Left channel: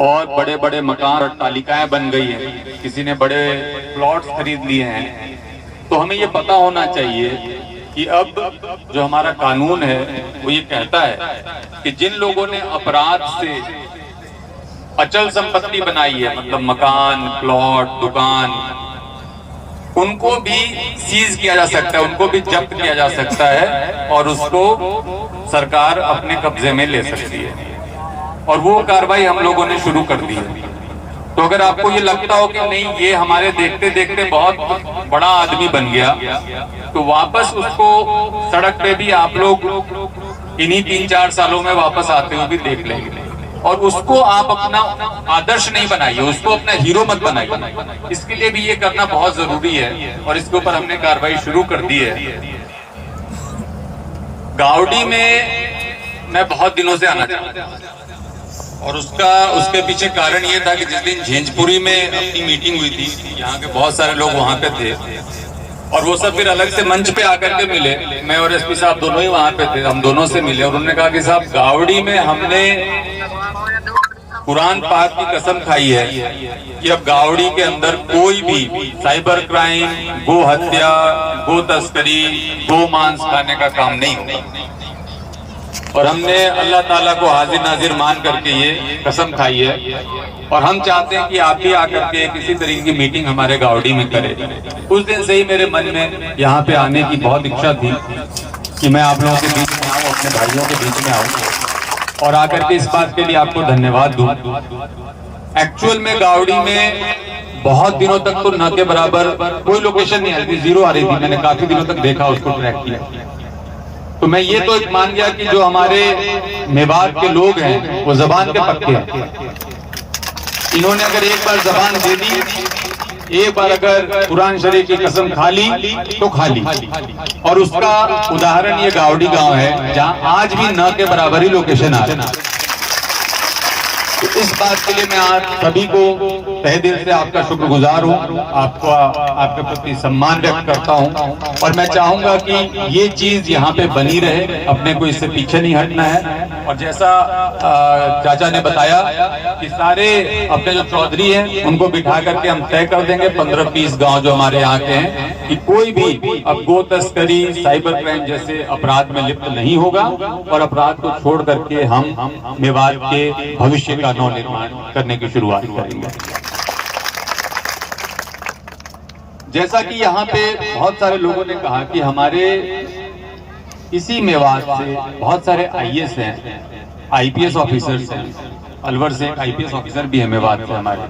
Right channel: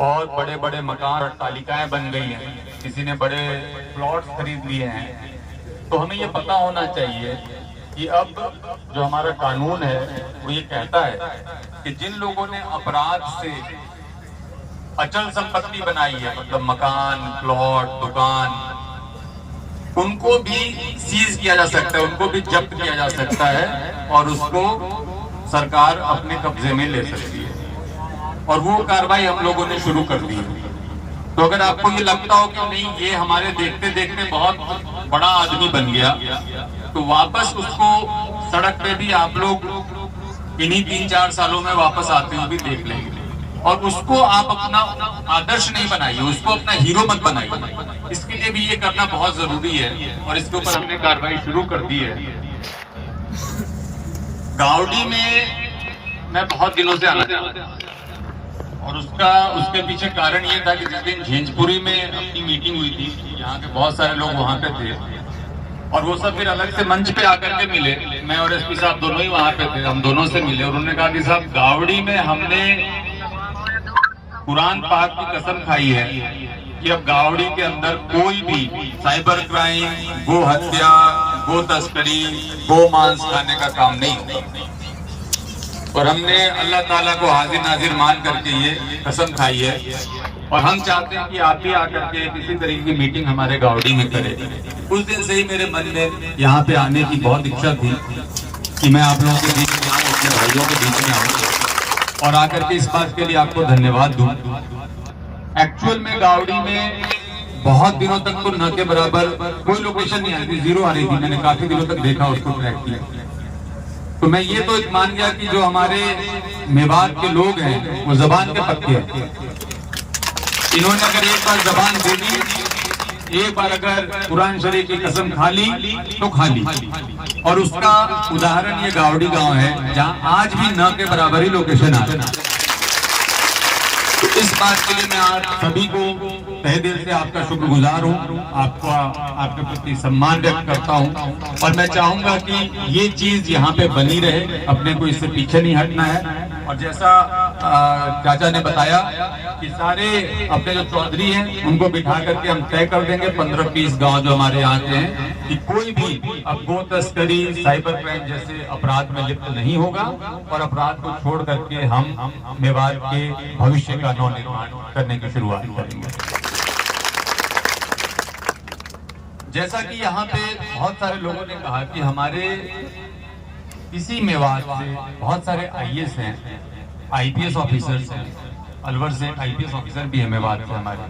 और बड़े बड़े मकान और तालिकाएं बन गई हैं, किसी ने बड़े प्लॉट्स खरीद लिए हैं। तो हमें ये पता होना चाहिए कि अब जो हमारा कानून है वो ये कहता है कि जिन लोगों ने अपराध से अचल संपत्ति बनाई है, मतलब मकान, प्लॉट, दुकान, उनको भी सीज किया जा सकता है, उनको भी जब्त किया जा सकता है और उसको सरकार अपने कब्जे में ले सकती है। और वो कार्रवाई हम लोगों ने शुरू कर दी है। तो अगर आपको ये लगता हो कि नहीं, ये हमारे देखते देखते बहुत बड़ा आदमी बन गया, तो वापस उसको सड़क पे भी आप लोग इन्हीं 3-4 सालों में वापस आते हुए भी देख लेंगे। और उसको आप अपना आदर्श नहीं बनाइए, उसको अपना हीरो मत बनाइए। इसके लिए भी ये करना बहुत जरूरी है और इसके ऊपर हमने कार्रवाई शुरू कर दी है। गावड़ी में मैं बहुत दिनों से आना चाहता था और उसके पीछे कारण ये था कि जिस दिन झेंझपुरी में अपनी मीटिंग हुई थी, यहाँ के बहुत सारे लोग वहां पे थे और वो सब फिर अलग से मंच पे आकर के मिले। मैं और एसपी साहब दोनों ही वहां पे थे, हम दोनों से मिले और उन्होंने कहा कि साहब, गावड़ी में हमने कुरान पाक की कसम खाई है कि अब गावड़ी के अंदर कोई भी साइबर क्राइम, गो हत्या, गो तस्करी, गो मांस खाने का काम नहीं होगा। और हमने अल्लाह ताला को हाजिर नाजिर मान करके ये कसम खाई है और हम चाहते हैं कि आप भी आकर के किसी तरीके की मीटिंग हमारे गावड़ी में करें। उस दिन से ही मेरे मन में यहाँ पे आने की बहुत इच्छा थी कि मैं आप लोगों के बीच में आऊँ, अपने भाइयों के बीच में आऊँ और आकर के इस बात के लिए आपको धन्यवाद दूं। एक्चुअल में गावड़ी में बहुत दिनों तक तो न के बराबर कोई लोकेशन नहीं आ रही थी, जीरो आ रही थी। मैंने काफी दिनों तक देखा, उसको ट्रैक किया। तो मैं ये तो एक मान गया कि जो हमारे मेवात के लोग हैं वो जबान के पक्के हैं। इन्होंने अगर एक बार जबान दे दी, एक बार अगर कुरान शरीफ की कसम खा ली तो खा ली। और उसका उदाहरण ये गावड़ी गांव है, जहां आज भी न के बराबर ही लोकेशन आ रहा है। तो इस बात के लिए मैं आज सभी को तहे दिल से आपका शुक्रगुजार हूँ, आपके प्रति सम्मान व्यक्त करता हूँ और मैं चाहूंगा कि ये चीज यहाँ पे बनी रहे, अपने को इससे पीछे नहीं हटना है। और जैसा चाचा ने बताया कि सारे अपने जो चौधरी हैं उनको बिठा करके हम तय कर देंगे 15-20 गांव जो हमारे यहाँ के हैं कि कोई भी अब गो तस्करी, साइबर क्राइम जैसे अपराध में लिप्त नहीं होगा और अपराध को छोड़ करके हम मेवात के भविष्य का नव निर्माण करने की शुरुआत करेंगे। जैसा कि यहाँ पे बहुत सारे लोगों ने कहा कि हमारे इसी मेवात से बहुत सारे आईएएस हैं, आईपीएस ऑफिसर्स हैं। अलवर से एक आईपीएस ऑफिसर भी है मेवात से हमारे,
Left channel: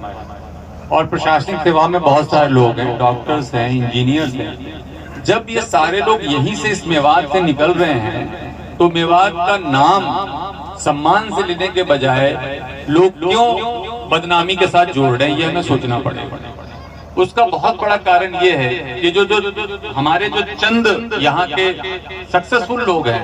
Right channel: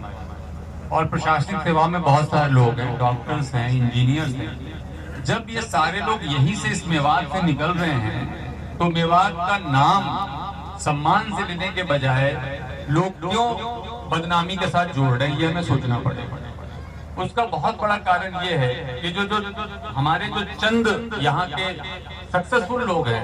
और प्रशासनिक सेवा में बहुत सारे लोग हैं, डॉक्टर्स हैं, इंजीनियर्स हैं। जब ये सारे लोग यहीं से इस मेवात से निकल रहे हैं तो मेवात का नाम सम्मान से लेने के बजाय लोग क्यों बदनामी के साथ जोड़ रहे हैं, ये हमें सोचना पड़ेगा। उसका बहुत बड़ा कारण ये है कि जो हमारे जो चंद यहाँ के सक्सेसफुल लोग हैं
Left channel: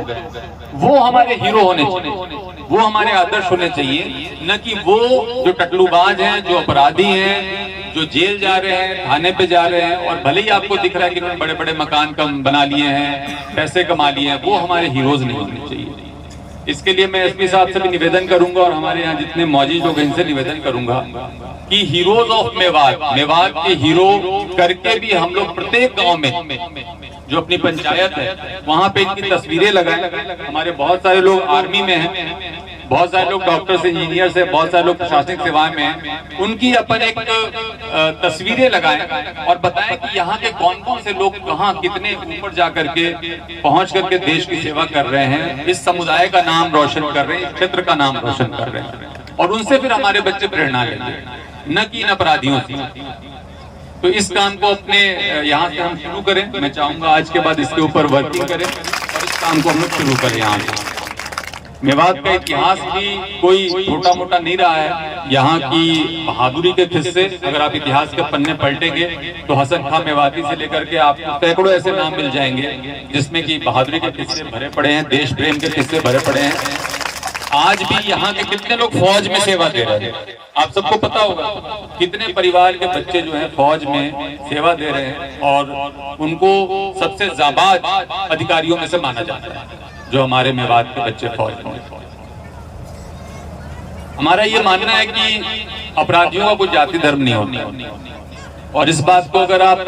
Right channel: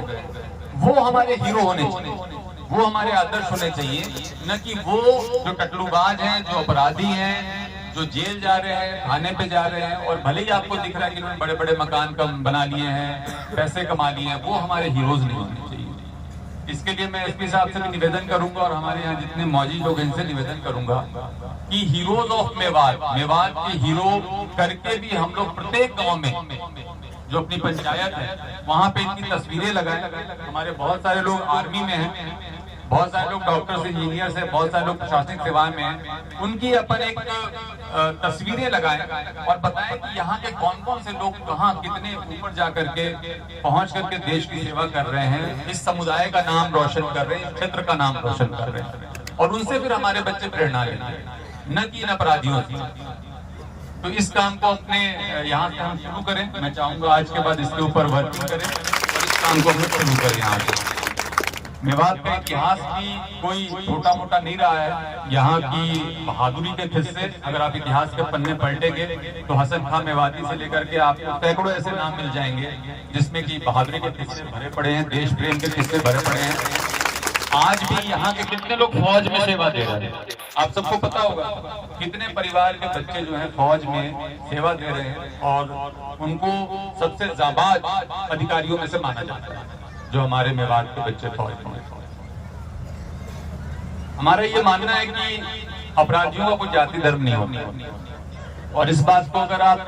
वो हमारे हीरो होने चाहिए, वो हमारे आदर्श होने चाहिए, न कि वो जो टकलूबाज हैं, जो अपराधी हैं, जो जेल जा रहे हैं, थाने पे जा रहे हैं और भले ही आपको दिख रहा है कि उन्होंने बड़े बड़े मकान बना लिए हैं, पैसे कमा लिए हैं, वो हमारे हीरोज नहीं होने चाहिए। इसके लिए मैं एसपी साहब से भी निवेदन करूंगा और हमारे यहाँ जितने मौजूद लोग हैं इनसे निवेदन करूंगा कि हीरोज ऑफ मेवात, मेवात के हीरो करके भी हम लोग प्रत्येक गांव में जो अपनी पंचायत है वहां पे इनकी तस्वीरें लगाएं। हमारे बहुत सारे लोग आर्मी में हैं, बहुत सारे लोग डॉक्टर्स, इंजीनियर्स हैं, बहुत सारे लोग प्रशासनिक सेवाएं में हैं। उनकी अपन एक तस्वीरें लगाएं और बताएं कि यहाँ के कौन कौन से लोग कहाँ कितने ऊपर जा करके पहुंच करके देश की सेवा कर रहे हैं, इस समुदाय का नाम रोशन कर रहे हैं, इस क्षेत्र का नाम रोशन कर रहे हैं। और उनसे फिर हमारे बच्चे प्रेरणा लेंगे, न कि इन अपराधियों से। तो इस काम को अपने यहाँ से हम शुरू करें। मैं चाहूंगा आज के बाद इसके ऊपर वर्किंग करें और इस काम को हम शुरू करें। यहाँ पे मेवात का इतिहास भी कोई छोटा मोटा नहीं रहा है। यहाँ की बहादुरी के किस्से अगर आप इतिहास के पन्ने पलटेंगे तो हसन खां मेवाती से लेकर के आपको सैकड़ों ऐसे नाम मिल जाएंगे जिसमें कि बहादुरी के किस्से भरे पड़े हैं, देश प्रेम के किस्से भरे पड़े हैं। आज भी यहाँ के कितने लोग फौज में सेवा दे रहे हैं, आप सबको पता होगा। कितने परिवार के बच्चे जो हैं फौज में सेवा दे रहे हैं और उनको सबसे जाबाज अधिकारियों में से माना जाता है जो हमारे मेवात के बच्चे फौज में। हमारा ये मानना है कि अपराधियों का कोई जाति धर्म नहीं होता, और इस बात को अगर आप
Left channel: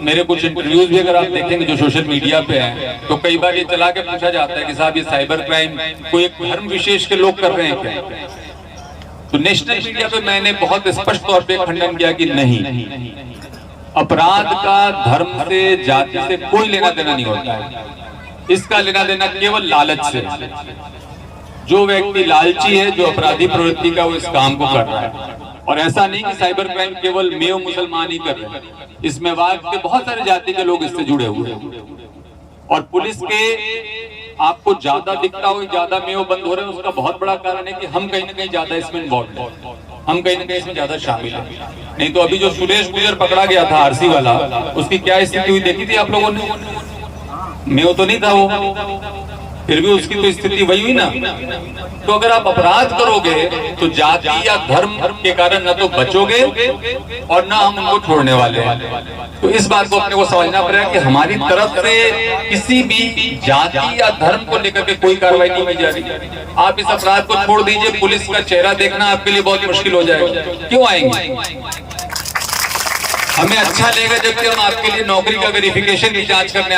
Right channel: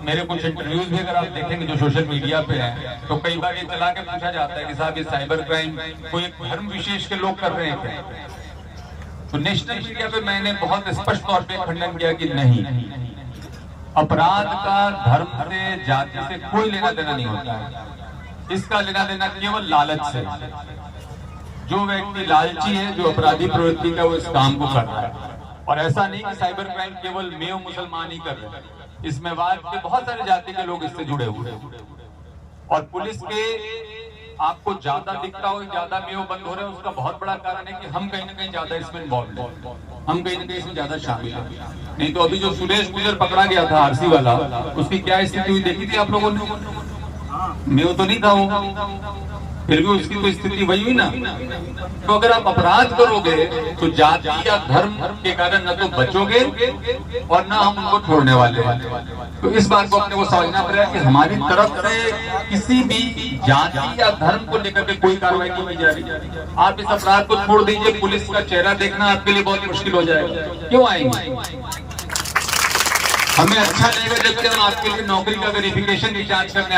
मेरे कुछ इंटरव्यूज भी अगर आप देखेंगे जो सोशल मीडिया पे हैं, तो कई बार ये चला के पूछा जाता है कि साहब ये साइबर क्राइम कोई एक धर्म विशेष के लोग कर रहे हैं क्या? तो नेशनल मीडिया पे मैंने बहुत स्पष्ट तौर पे खंडन किया कि नहीं, अपराध का धर्म से जाति से कोई लेना देना नहीं होता है। इसका लेना देना केवल लालच से। जो व्यक्ति लालची है, जो अपराधी प्रवृत्ति का, वो इस काम को कर रहा है। और ऐसा नहीं कि साइबर क्राइम केवल मेव मुसलमान ही कर रहे हैं, इस मेवात के बहुत सारे जाति के लोग इससे जुड़े हुए हैं। और पुलिस के आपको ज्यादा दिखता हो, ज्यादा मेव बंद हो रहे हैं, उसका बहुत बड़ा कारण है कि हम कहीं ना कहीं ज्यादा इसमें इन्वॉल्व हैं, हम कहीं ना कहीं इसमें ज्यादा शामिल हैं। नहीं तो अभी जो सुरेश गुजर पकड़ा गया था आरसी वाला, उसकी क्या स्थिति हुई देखी थी आप लोगों ने? मेव तो नहीं था वो, फिर भी उसकी तो स्थिति वही हुई ना। तो अगर आप अपराध करोगे तो जाति या धर्म के कारण ना तो बचोगे और ना हम उनको छोड़ने वाले हैं। तो इस बात को अपने को समझना पड़ेगा कि हमारी तरफ से किसी भी जाति या धर्म को लेकर के कोई कार्रवाई नहीं की जा रही। आप इस अपराध को छोड़ दीजिए, पुलिस का चेहरा देखना आपके लिए बहुत मुश्किल हो जाएगा। क्यों आएंगे? हमें अच्छा लगेगा जबकि हम आपके लिए नौकरी का वेरिफिकेशन की जांच करने